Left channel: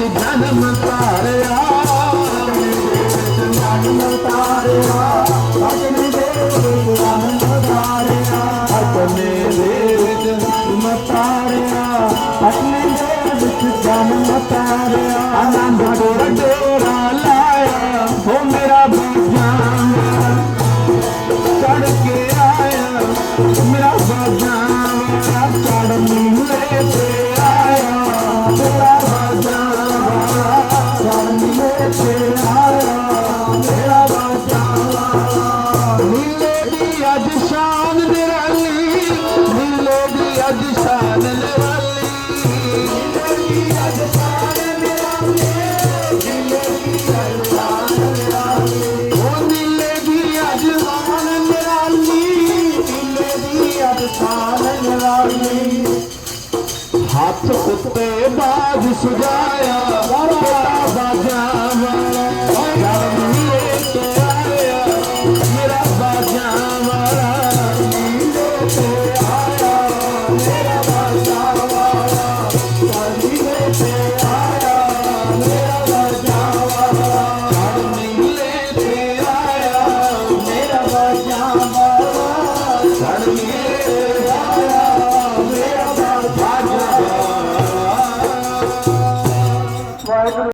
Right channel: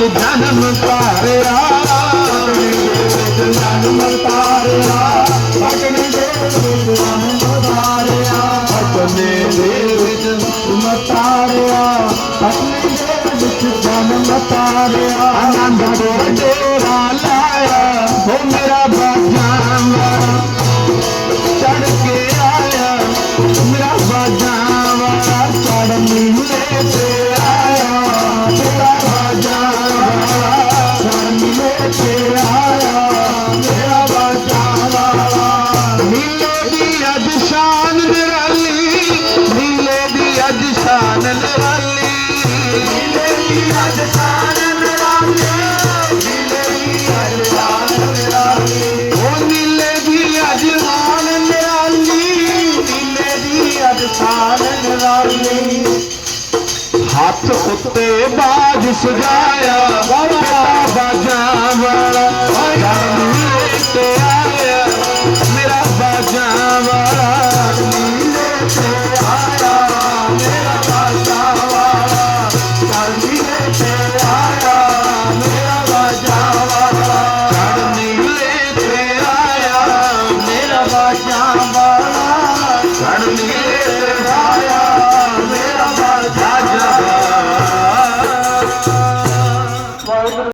ਵਿੱਚ ਜਨਮ ਤਾਰਿਆ। ਜਨਮ ਤਾਰਿਆ ਪਟਨੇ ਦੇ ਵਿੱਚ ਜਨਮ ਤਾਰਿਆ। ਪਟਨੇ ਦੇ ਵਿੱਚ ਜਨਮ ਤਾਰਿਆ। ਪਟਨੇ ਦੇ ਵਿੱਚ ਜਨਮ ਤਾਰਿਆ ਆਨੰਦ ਦੇ ਡੇਰਾ ਲਾਇਆ। ਹੋ ਮੇਰਾ ਬਾਜਾਂ ਚੜ ਕੇ ਆਇਆ। ਮੇਰਾ ਬਾਜਾਂ ਚੜ ਨੀਲੇ ਤੇ ਆਇਆ। ਮੇਰਾ ਬਾਜਾਂ ਹੱਥ ਉੱਤੇ ਬਾਜ ਸਜਾਇਆ ਬਾਜਾਂ